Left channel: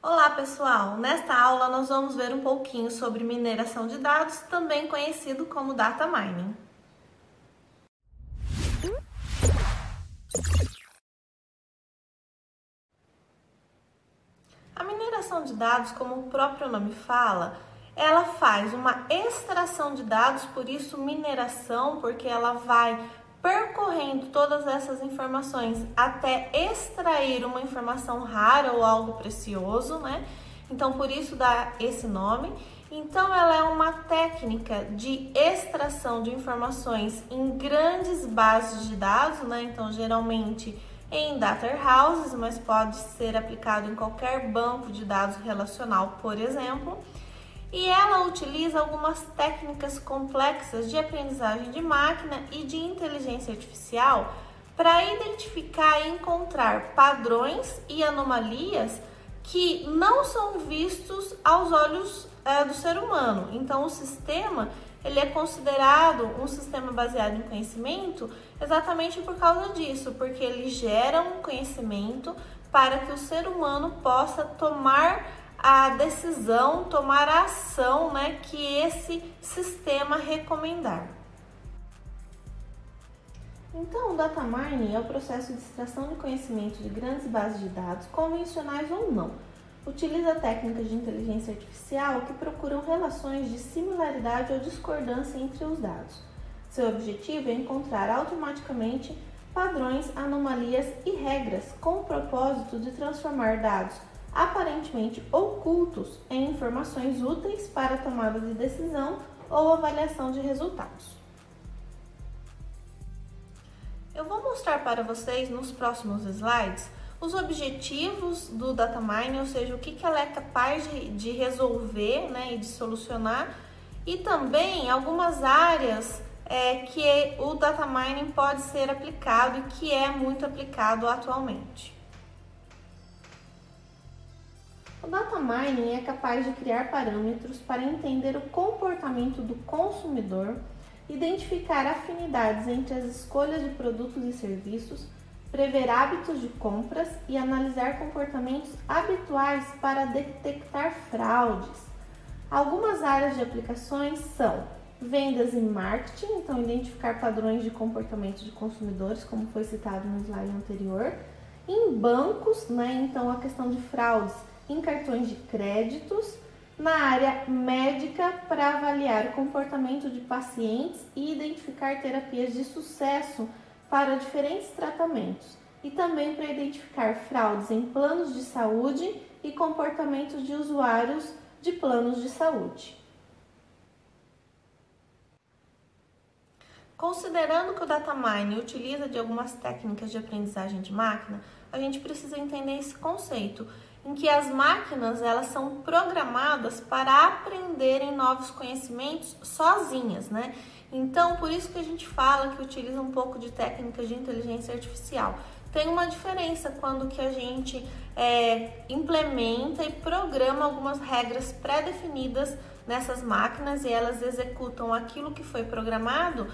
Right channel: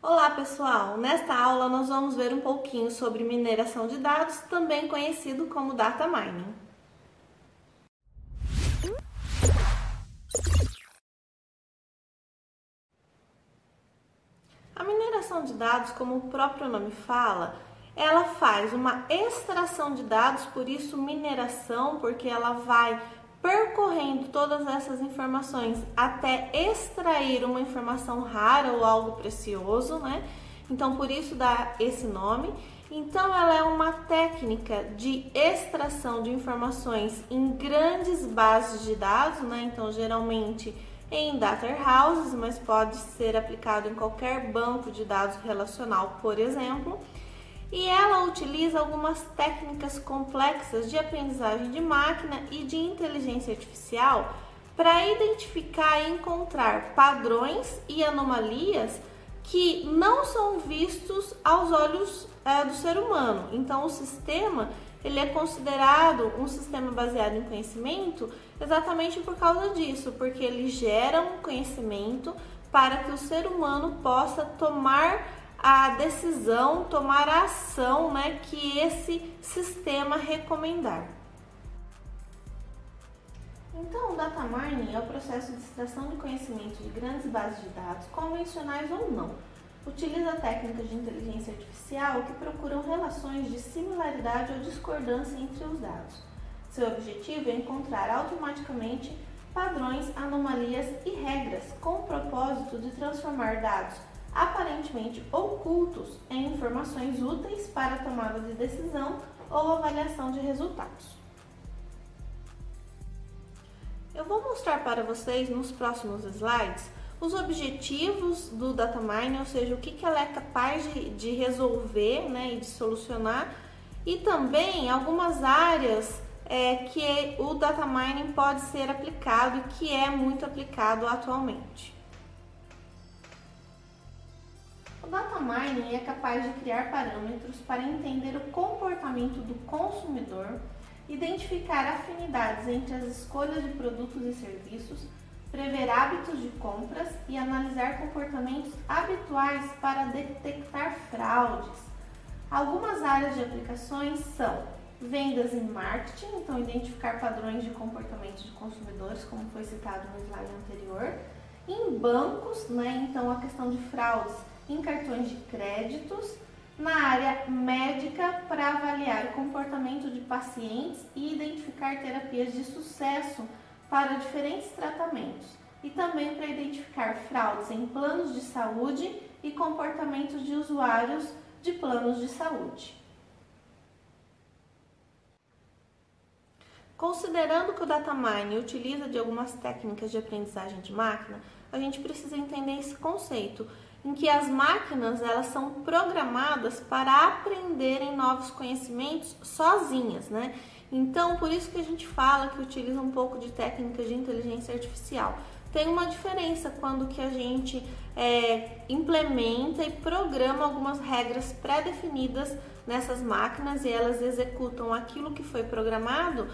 Olá pessoal, nesta aula nós vamos ver um pouquinho sobre mineração de dados, também conhecido como data mining. A mineração de dados, como o próprio nome fala, ela faz uma extração de dados, por isso mineração, porque ela vai percorrendo todas essas informações até extrair uma informação rara ou algo precioso, né? Então, por isso dá esse nome. Então, ela é uma técnica de extração de informações em grandes bases de dados, né? Então, geralmente em data houses, mas pode ser aplicado em qualquer banco de dados relacional, por exemplo. E ela utiliza algumas técnicas complexas de aprendizagem de máquina e de inteligência artificial para identificar e encontrar padrões e anomalias que não são vistos aos olhos do ser humano. Então, o sistema ele é considerado um sistema baseado em conhecimento exatamente por causa disso, porque ele gera um conhecimento para que o ser humano possa tomar a decisão, tomar a ação, né, que esse sistema recomendar. Então, o data mining é o processo de extração de conhecimento de grandes bases de dados, convencionais ou não. Utiliza técnicas de inteligência artificial que procuram relações de similaridade ou discordância entre os dados. Seu objetivo é encontrar automaticamente padrões, anomalias e regras com o propósito de transformar dados aparentemente ocultos em informações úteis para a tomada de decisão ou avaliação de resultados. Eu vou mostrar para vocês nos próximos slides os objetivos do data mining, ou seja, o que ela é capaz de resolver, né, e de solucionar, e também algumas áreas que o data mining pode ser aplicado e que é muito aplicado atualmente. O data mining é capaz de criar parâmetros para entender o comportamento do consumidor, identificar afinidades entre as escolhas de produtos e serviços, prever hábitos de compras e analisar comportamentos habituais para detectar fraudes. Algumas áreas de aplicações são vendas e marketing, então identificar padrões de comportamento de consumidores, como foi citado no slide anterior. Em bancos, né, então a questão de fraudes em cartões de créditos. Na área médica, para avaliar o comportamento de pacientes e identificar terapias de sucesso para diferentes tratamentos, e também para identificar fraudes em planos de saúde e comportamentos de usuários de planos de saúde. Considerando que o data mining utiliza de algumas técnicas de aprendizagem de máquina, a gente precisa entender esse conceito, em que as máquinas elas são programadas para aprenderem novos conhecimentos sozinhas, né? Então, por isso que a gente fala que utiliza um pouco de técnicas de inteligência artificial. Tem uma diferença quando que a gente implementa e programa algumas regras pré-definidas nessas máquinas e elas executam aquilo que foi programado,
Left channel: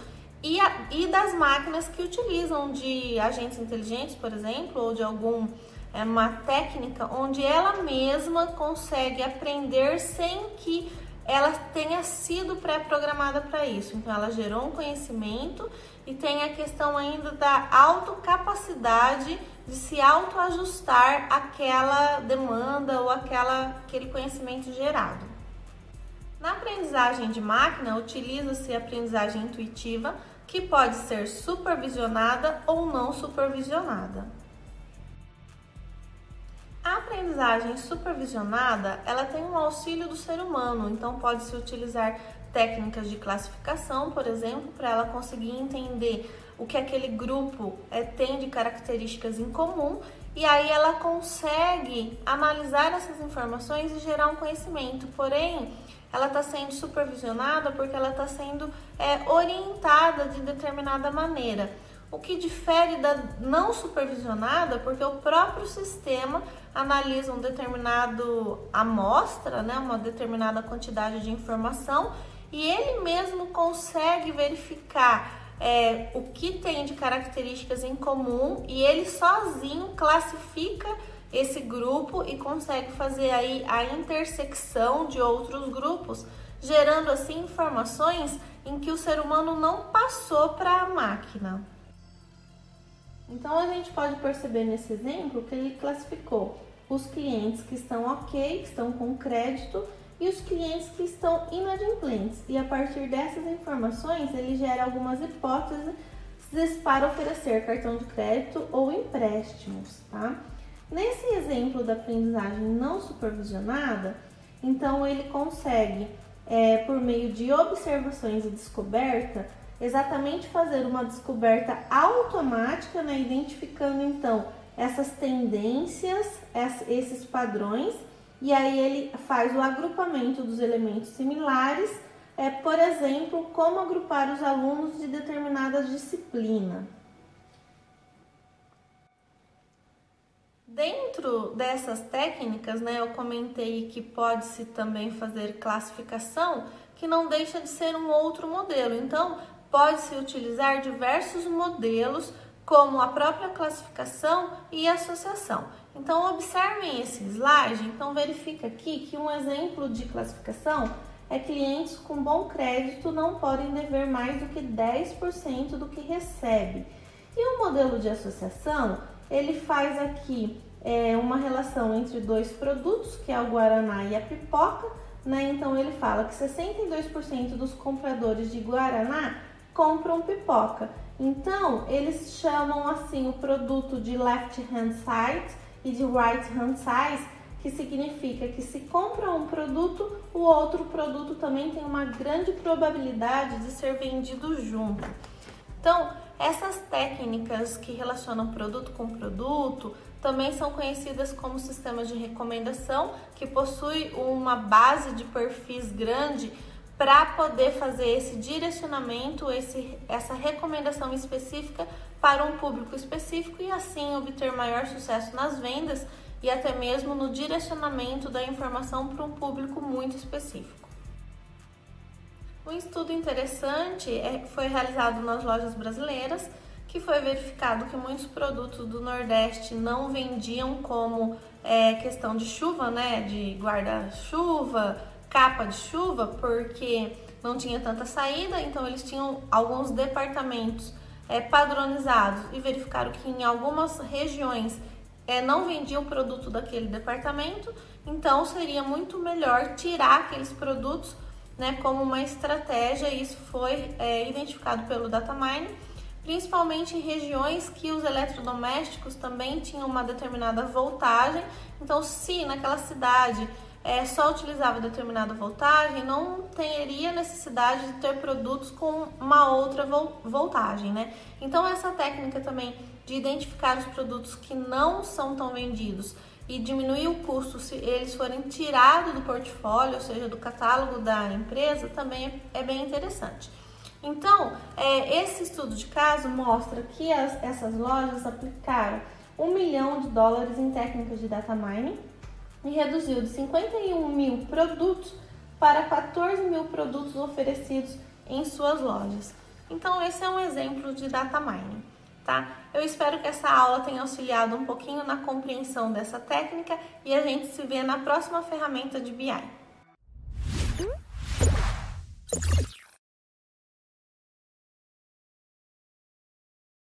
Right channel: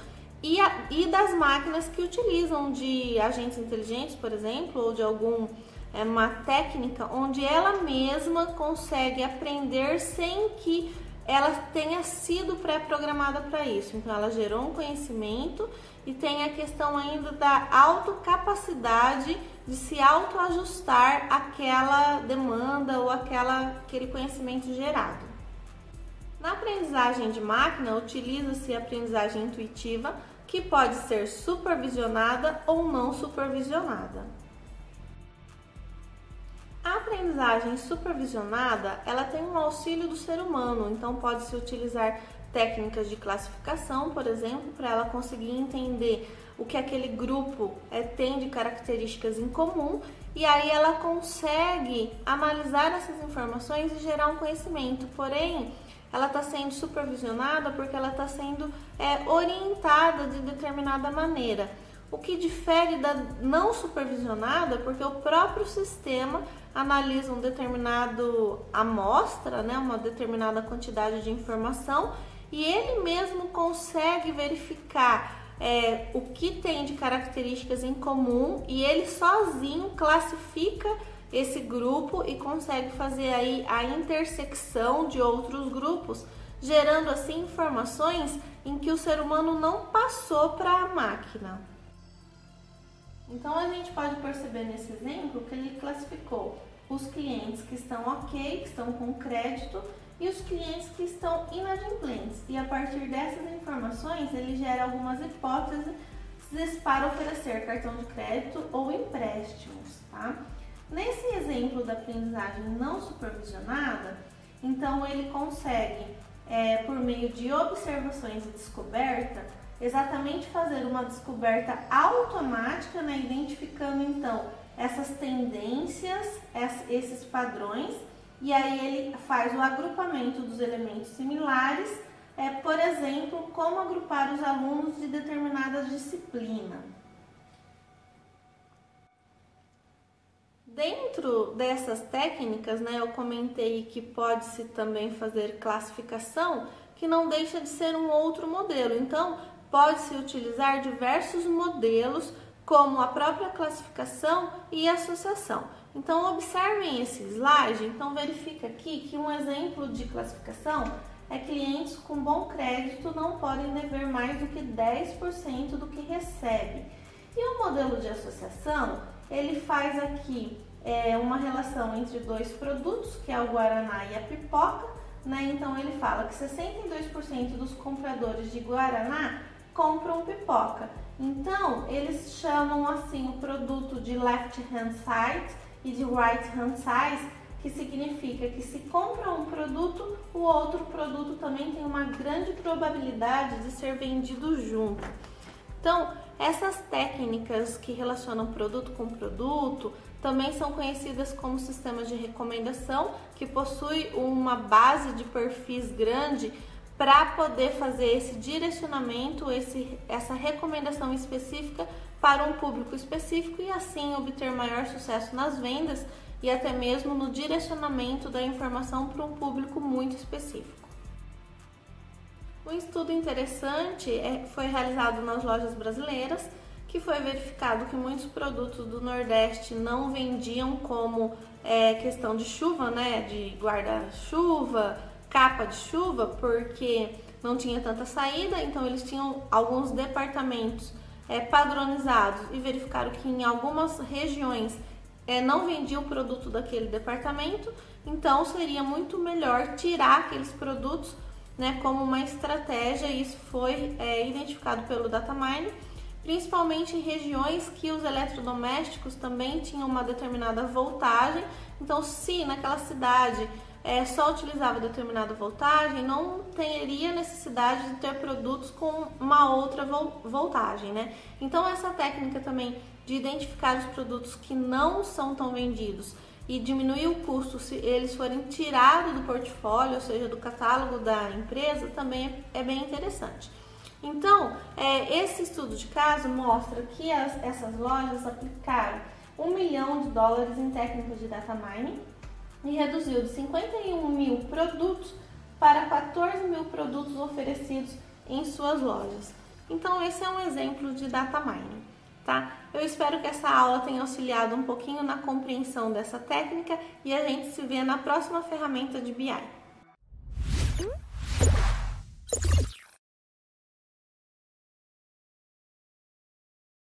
e das máquinas que utilizam de agentes inteligentes, por exemplo, ou de uma técnica onde ela mesma consegue aprender sem que ela tenha sido pré-programada para isso. Então, ela gerou um conhecimento e tem a questão ainda da autocapacidade de se autoajustar àquela demanda ou aquele conhecimento gerado. Na aprendizagem de máquina, utiliza-se a aprendizagem intuitiva, que pode ser supervisionada ou não supervisionada. A aprendizagem supervisionada, ela tem um auxílio do ser humano, então pode-se utilizar técnicas de classificação, por exemplo, para ela conseguir entender o que aquele grupo tem de características em comum, e aí ela consegue analisar essas informações e gerar um conhecimento, porém, ela está sendo supervisionada porque ela está sendo orientada de determinada maneira. O que difere da não supervisionada, porque o próprio sistema analisa um determinado amostra, né, uma determinada quantidade de informação, e ele mesmo consegue verificar o que tem de características em comum, e ele sozinho classifica esse grupo e consegue fazer aí a intersecção de outros grupos, gerando assim informações em que o ser humano não passou para a máquina. Então a gente pode perceber nesse exemplo que ele classificou os clientes que estão ok, que estão com crédito, e os clientes que estão inadimplentes. E a partir dessas informações ele gera algumas hipóteses para oferecer cartão de crédito ou empréstimos, tá? Nesse exemplo da aprendizagem não supervisionada, então ele consegue, por meio de observações e descoberta, exatamente fazer uma descoberta automática, né, identificando então essas tendências, esses padrões, e aí ele faz o agrupamento dos elementos similares, por exemplo, como agrupar os alunos de determinada disciplina. Dentro dessas técnicas, né, eu comentei que pode-se também fazer classificação, que não deixa de ser um outro modelo. Então, pode-se utilizar diversos modelos, como a própria classificação e associação. Então, observem esse slide. Então, verifica aqui que um exemplo de classificação é clientes com bom crédito não podem dever mais do que 10% do que recebe. E o modelo de associação, ele faz aqui uma relação entre dois produtos, que é o Guaraná e a pipoca, né? Então, ele fala que 62% dos compradores de Guaraná compram pipoca. Então, eles chamam assim o produto de left hand side e de right hand side, que significa que se compra um produto, o outro produto também tem uma grande probabilidade de ser vendido junto. Então, essas técnicas que relacionam produto com produto também são conhecidas como sistemas de recomendação, que possui uma base de perfis grande para poder fazer esse direcionamento, essa recomendação específica para um público específico e assim obter maior sucesso nas vendas e até mesmo no direcionamento da informação para um público muito específico. Um estudo interessante foi realizado nas lojas brasileiras, que foi verificado que muitos produtos do Nordeste não vendiam como questão de chuva, né, de guarda-chuva, capa de chuva, porque não tinha tanta saída, então eles tinham alguns departamentos padronizados e verificaram que em algumas regiões não vendia o produto daquele departamento, então seria muito melhor tirar aqueles produtos, né, como uma estratégia, e isso foi identificado pelo Datamind, principalmente em regiões que os eletrodomésticos também tinham uma determinada voltagem. Então, se naquela cidade só utilizava determinada voltagem, não teria necessidade de ter produtos com uma outra voltagem, né? Então, essa técnica também de identificar os produtos que não são tão vendidos e diminuir o custo se eles forem tirados do portfólio, ou seja, do catálogo da empresa, também é bem interessante. Então, esse estudo de caso mostra que essas lojas aplicaram $1 milhão em técnicas de data mining e reduziu de 51 mil produtos para 14 mil produtos oferecidos em suas lojas. Então, esse é um exemplo de data mining, tá? Eu espero que essa aula tenha auxiliado um pouquinho na compreensão dessa técnica e a gente se vê na próxima ferramenta de BI.